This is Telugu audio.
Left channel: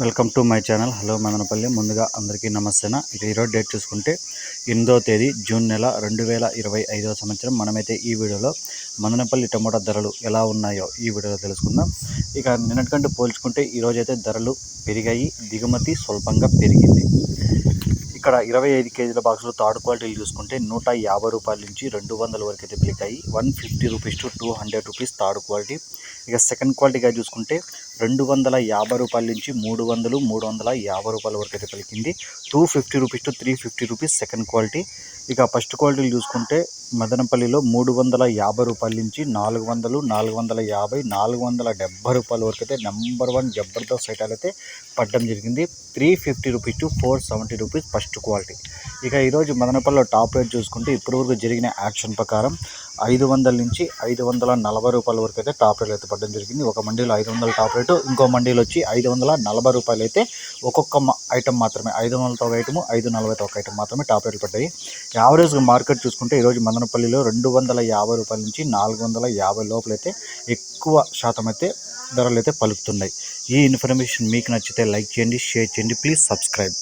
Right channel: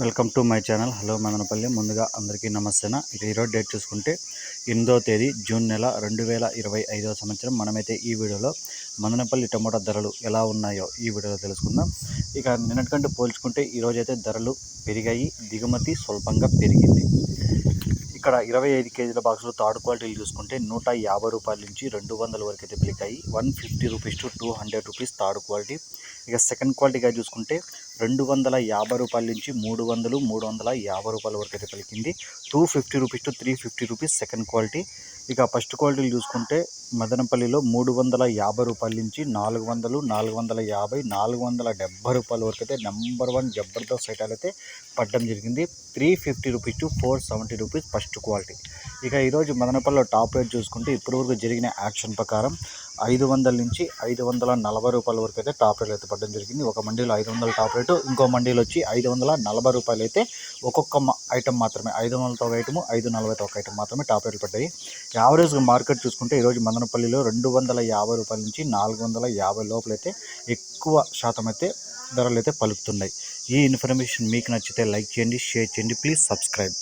Welcome to my channel. Hello Madanapalli. ముందుగా అందరికీ నమస్తేనా? ఇక ఈరోజు డేట్ చూసుకుంటే ఎనిమిదో తేదీ జూన్ నెల రెండు వేల ఇరవై ఐదవ సంవత్సరం. మనమైతే ఈ వీడియోలో మదనపల్లి టమోటా ధరలు ఎలా ఉన్నాయో ఈ వీడియోలో తెలుసుకుందాం. ఇక నిన్నటికంటే పోల్చుకుంటే ఈరోజు అయితే ధరలు పెరిగాయి దిగుమతి స్వల్పంగా పెరిగింది. ఇక్కడ ఇరవై ఐదు కేజీల బాక్సులు థర్డ్ క్వాలిటీలు చూసుకుంటే నూట యాభై రూపాయల నుంచి రెండు వందల వరకు అయితే పిలికాయి. One fifty rupees to two hundred rupees third quality. ఇక సెకండ్ క్వాలిటీగా చూసుకుంటే రెండు వందల యాభై రూపాయల నుంచి మూడు వందలు మూడు వందల యాభై రూపాయల వరకు అయితే పలికింది. Two fifty rupees to three fifty rupees second quality ఇక ఫస్ట్ క్వాలిటీలు చూసుకుంటే మదనపల్లిలో మూడు వందల యాభై రూపాయల నుంచి నాలుగు వందలు నాలుగు వందల యాభై నాలుగు వందల డెబ్బై రూపాయల వరకు అయితే నెంబర్ వన్ జబర్దస్త్ ఐటాలు అయితే పడ్డం జరిగింది. Three fifty rupees to four seventy rupees first quality ఇక ఈరోజు మదనపల్లిలో టాప్ రేట్ చూసుకుంటే ఇప్పటివరకు జరిగిన యాక్షన్ ప్రకారం ఐదు వందల నుంచి ఐదు వందల నలభై రూపాయల వరకు అయితే టాప్ రేట్ అయితే పడడం జరిగింది. ఒక మండీలో ఐదు వందల టాప్ రేటు ఇంకో మండీలో వచ్చి ఐదు వందల నలభై రూపాయలు అయితే ఒక్కొక్క ఐటమ్ మాత్రమే ఐదు వందలతో ఒక ఐటమ్ ఐదు నలభైతో ఒక ఐటమ్ మాత్రమే టాప్ రేట్లు పడ్డాయి. యావరేజ్గా మార్కెట్ చూసుకుంటే ఈరోజు మదనపల్లిలో రెండు వందల యాభై రూపాయల నుంచి నాలుగు వందల యాభై లోపలైతే ఎక్కువ శాతం అయితే ధరలు అయితే పలుకుతున్నాయి. ఈ ఇన్ఫర్మేషన్ మీకు నచ్చితే లైక్ చేయండి షేర్ చేయండి ప్లీజ్ సబ్స్క్రైబ్.